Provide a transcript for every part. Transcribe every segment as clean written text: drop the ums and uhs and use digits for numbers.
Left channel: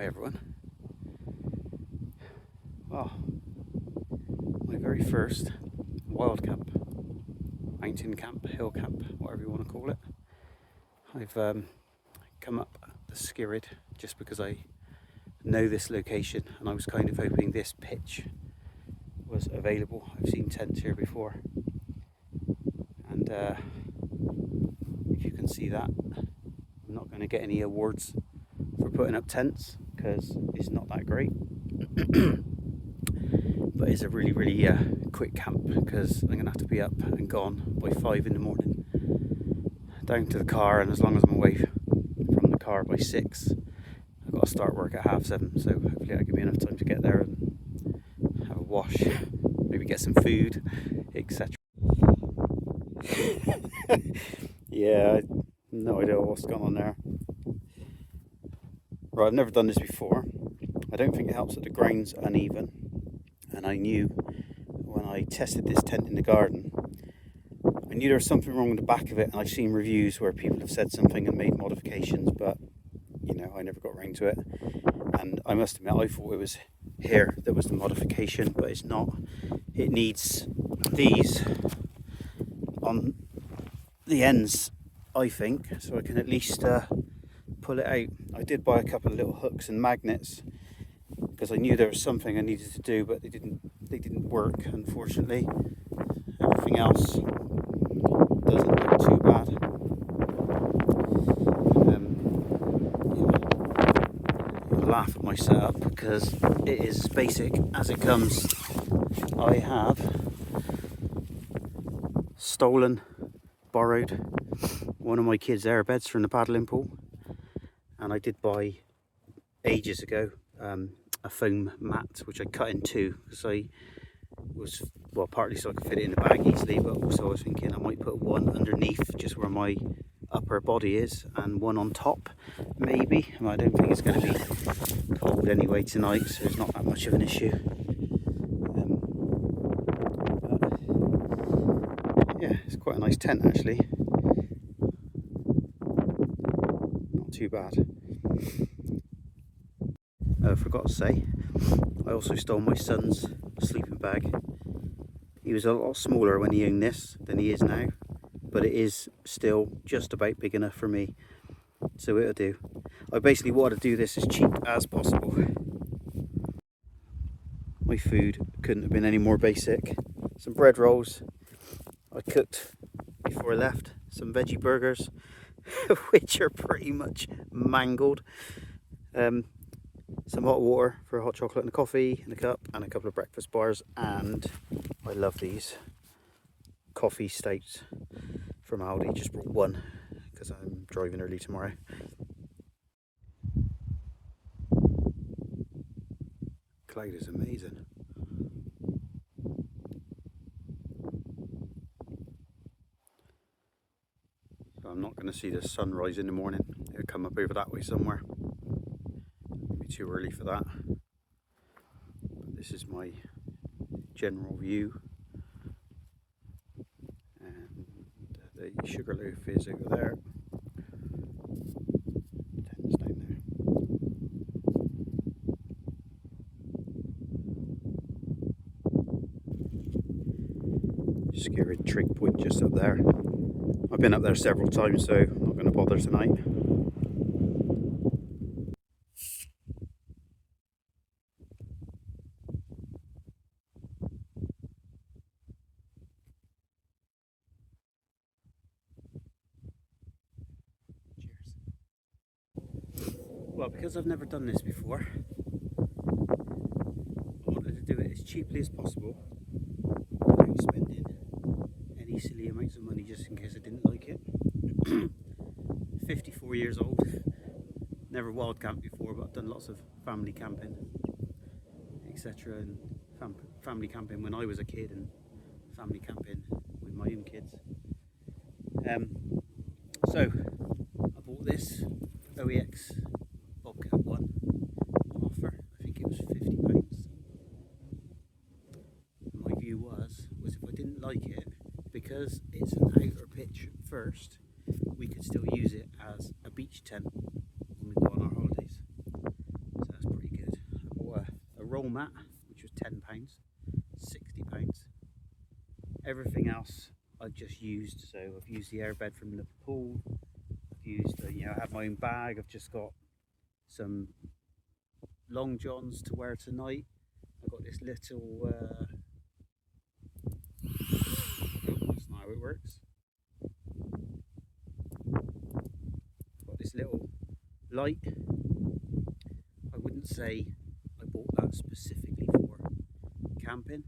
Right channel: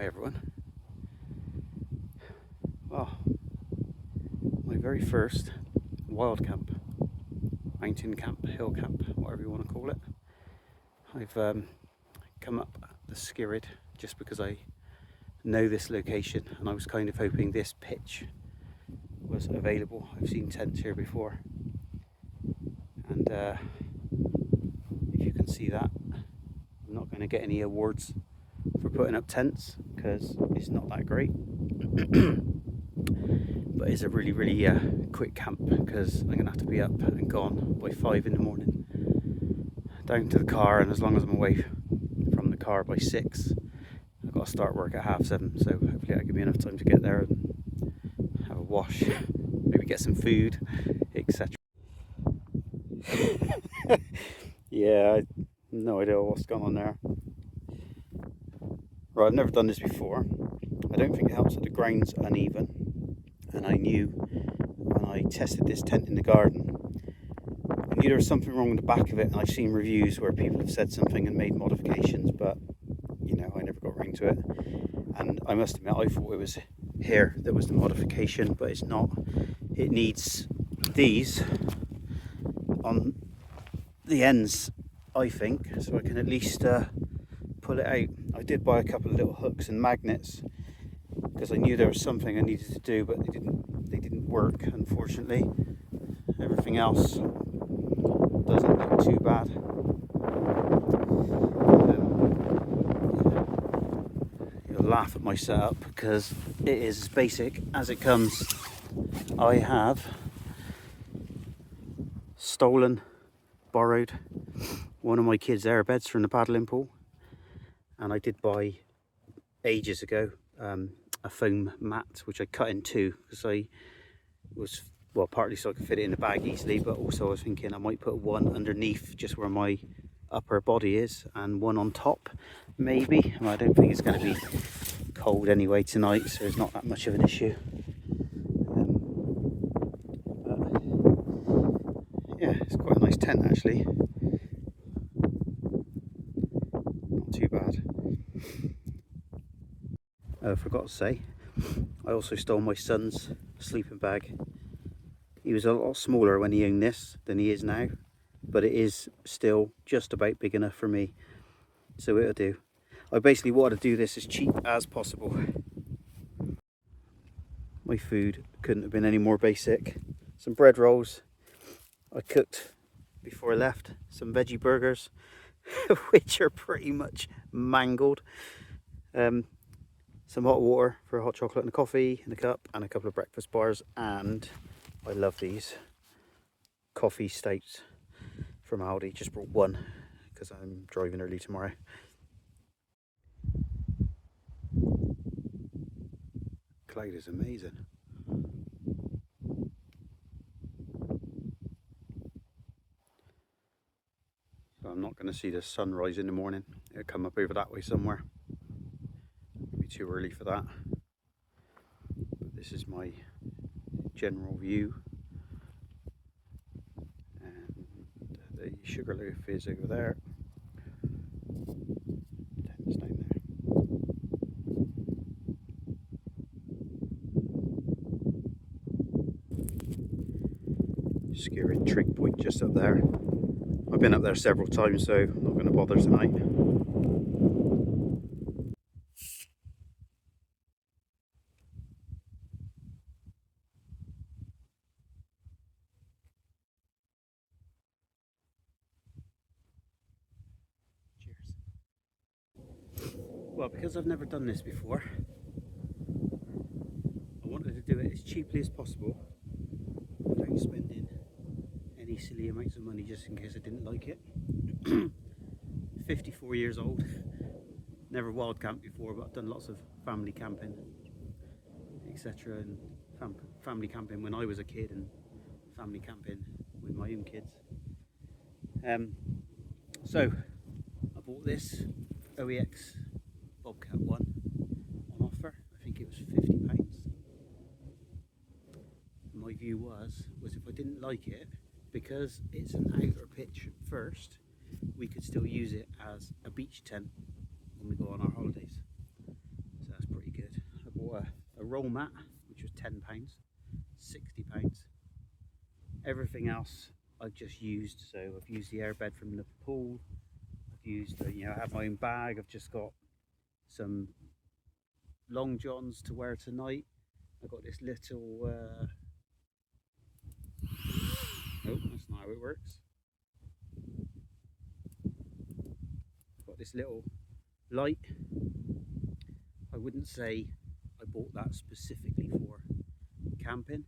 Hi everyone. Well, my very first wild camp, mountain camp, hill camp, whatever you want to call it. I've come up the Skirrid just because I know this location, and I was kind of hoping this pitch was available. I've seen tents here before, and if you can see that, I'm not going to get any awards for putting up tents because it's not that great. But it's a really quick camp because I'm going to have to be up and gone by 5 in the morning, down to the car, and as long as I'm away from the car by 6, I've got to start work at 7:30, so hopefully that'll give me enough time to get there and have a wash, maybe get some food, etc. Yeah, I no idea what's going on there. Right, I've never done this before. I don't think it helps that the ground's uneven, and I knew when I tested this tent in the garden, I knew there was something wrong with the back of it, and I've seen reviews where people have said something and made modifications, but you know, I never got round to it. And I must admit, I thought it was here that was the modification, but it's not. It needs these on the ends, I think, so I can at least pull it out. I did buy a couple of little hooks and magnets because I knew there was something I needed to do, but they didn't work, unfortunately. Everything else doesn't look too bad. You'll laugh at my setup because it is as basic as it comes. I have borrowed one of my kids' airbeds from the paddling pool, and I did buy ages ago a foam mat which I cut in two because I was, well, partly so I could fit it in the bag easily, but also I was thinking I might put one underneath just where my upper body is and one on top maybe. I don't think it's going to be cold anyway tonight, so it's not that much of an issue. Yeah, it's quite a nice tent actually, not too bad. I forgot to say, I also stole my son's sleeping bag. He was a lot smaller when he owned this than he is now, but it is still just about big enough for me, so it'll do. I basically wanted to do this as cheap as possible. My food couldn't have been any more basic. Some bread rolls I cooked before I left, some veggie burgers which are pretty much mangled, some hot water for a hot chocolate and a coffee in a cup, and a couple of breakfast bars, and I love these coffee stouts from Aldi. Just brought one because I'm driving early tomorrow. Cloud is amazing. So I'm not going to see the sunrise in the morning. It'll come up over that way somewhere. It'll be too early for that. But this is my general view. And the Sugarloaf is over there. Tent's down there. Skirrid Trig Point just up there. I've been up there several times, so I'm not going to bother tonight. Cheers. Well, because I've never done this before, I wanted to do it as cheaply as possible without spending any silly amounts of money just in case I didn't like it. 54 years old, never wild camped before, but I've done lots of family camping, etc. and family camping when I was a kid and family camping with my own kids. So I bought this OEX Bobcat one on offer. I think it was £50. My view was if I didn't like it, because it's an outer pitch first, we could still use it as a beach tent when we go on our holidays. So roll mat, which was £10, £60. Everything else I've just used. So I've used the airbed from the pool. I've used, you know, I have my own bag. I've just got some long johns to wear tonight. I've got this little, oh, that's not how it works. I've got this little light. I wouldn't say I bought that specifically for camping.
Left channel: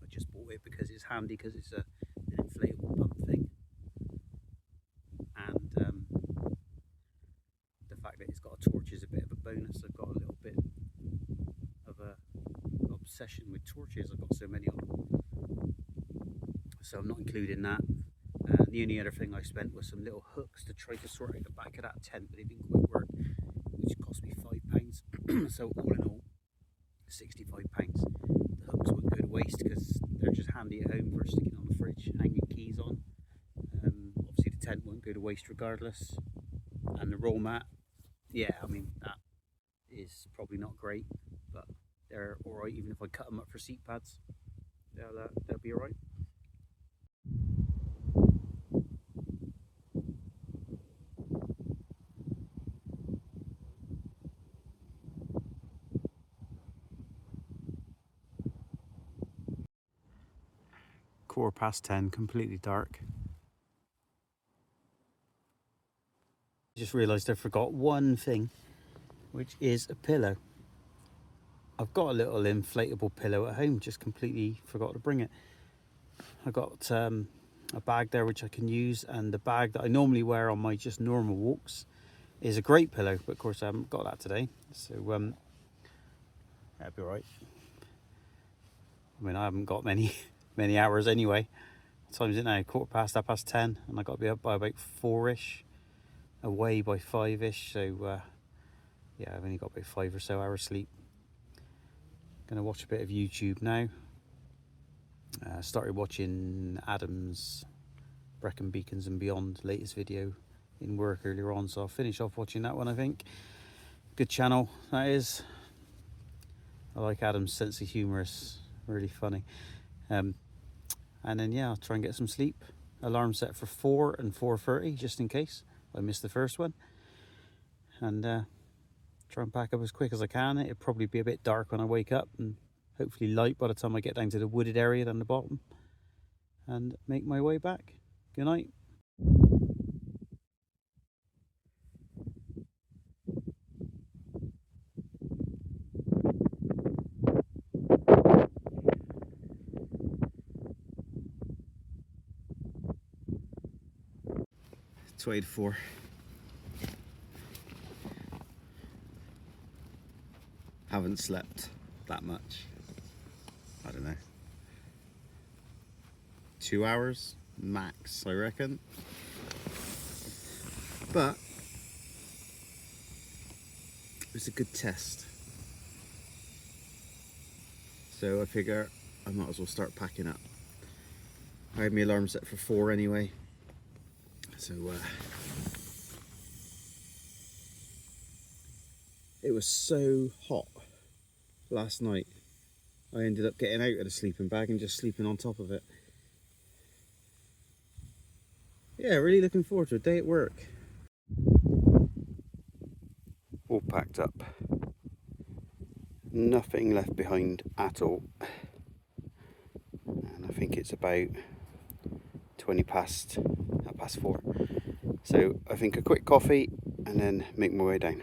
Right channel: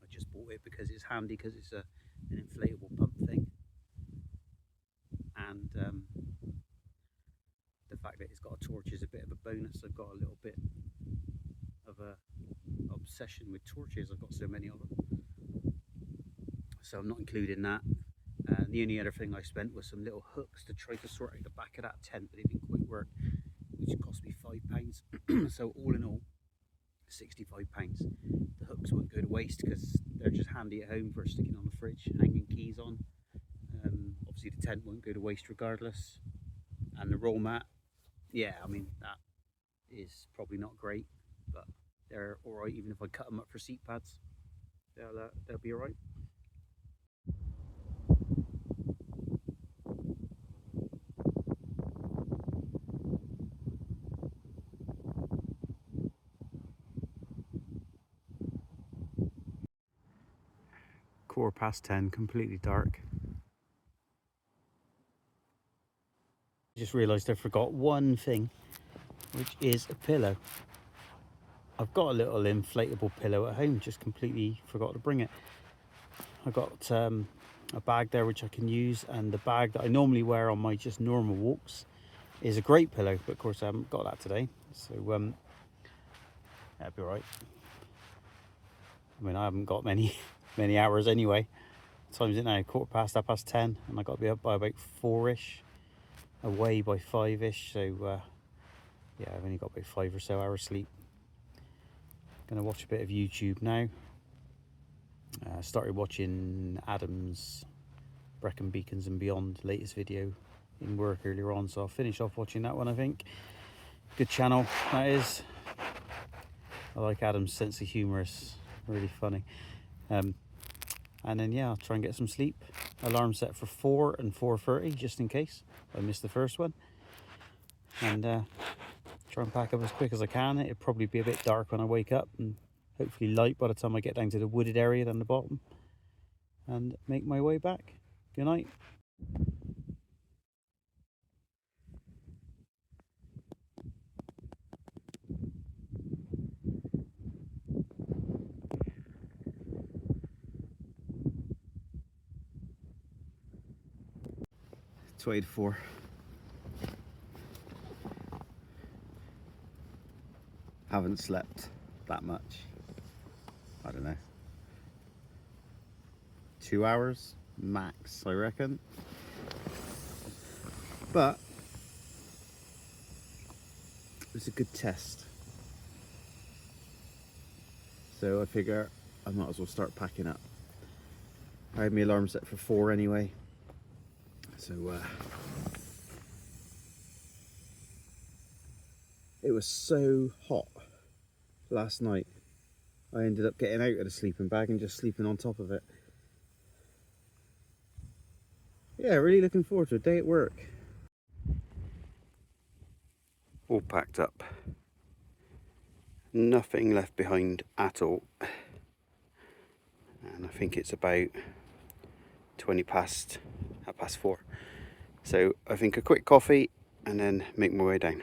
I just bought it because it's handy, because it's an inflatable pump thing, and the fact that it's got a torch is a bit of a bonus. I've got a little bit of a obsession with torches. I've got so many of them, so I'm not including that. The only other thing I spent was some little hooks to try to sort out the back of that tent, but it didn't quite work, which cost me £5. So all in all, £65. The hooks wouldn't go to waste because they're just handy at home for sticking on the fridge, hanging keys on. Obviously the tent won't go to waste regardless. And the roll mat, yeah, I mean, that is probably not great, but they're alright. Even if I cut them up for seat pads, they'll be alright. £10, completely dark. I just realised I forgot one thing, which is a pillow. I've got a little inflatable pillow at home, just completely forgot to bring it. I got a bag there which I can use, and the bag that I normally wear on my just normal walks is a great pillow, but of course I haven't got that today, so that'd be alright. I mean, I haven't got many hours anyway. What time is it now? 10:15, and I got to be up by about 4ish, away by 5ish, so yeah, I've only got about 5 or so hours sleep. Gonna watch a bit of YouTube now. Started watching Adam's Brecon Beacons and Beyond latest video in work earlier on, so I'll finish off watching that one, I think. Good channel, that is. I like Adam's sense of humour, it's really funny. And then yeah, I'll try and get some sleep. Alarm set for 4 and 4:30 just in case I missed the first one. And try and pack up as quick as I can. It'll probably be a bit dark when I wake up, and hopefully light by the time I get down to the wooded area down the bottom, and make my way back. Good night. It's 4. Haven't slept that much. I don't know. 2 hours max, I reckon. But it was a good test. So I figure I might as well start packing up. I had my alarm set for 4 anyway. So it was so hot last night, I ended up getting out of the sleeping bag and just sleeping on top of it. Yeah, really looking forward to a day at work. All packed up. Nothing left behind at all. And I think it's about 4:20. So I think a quick coffee and then make my way down.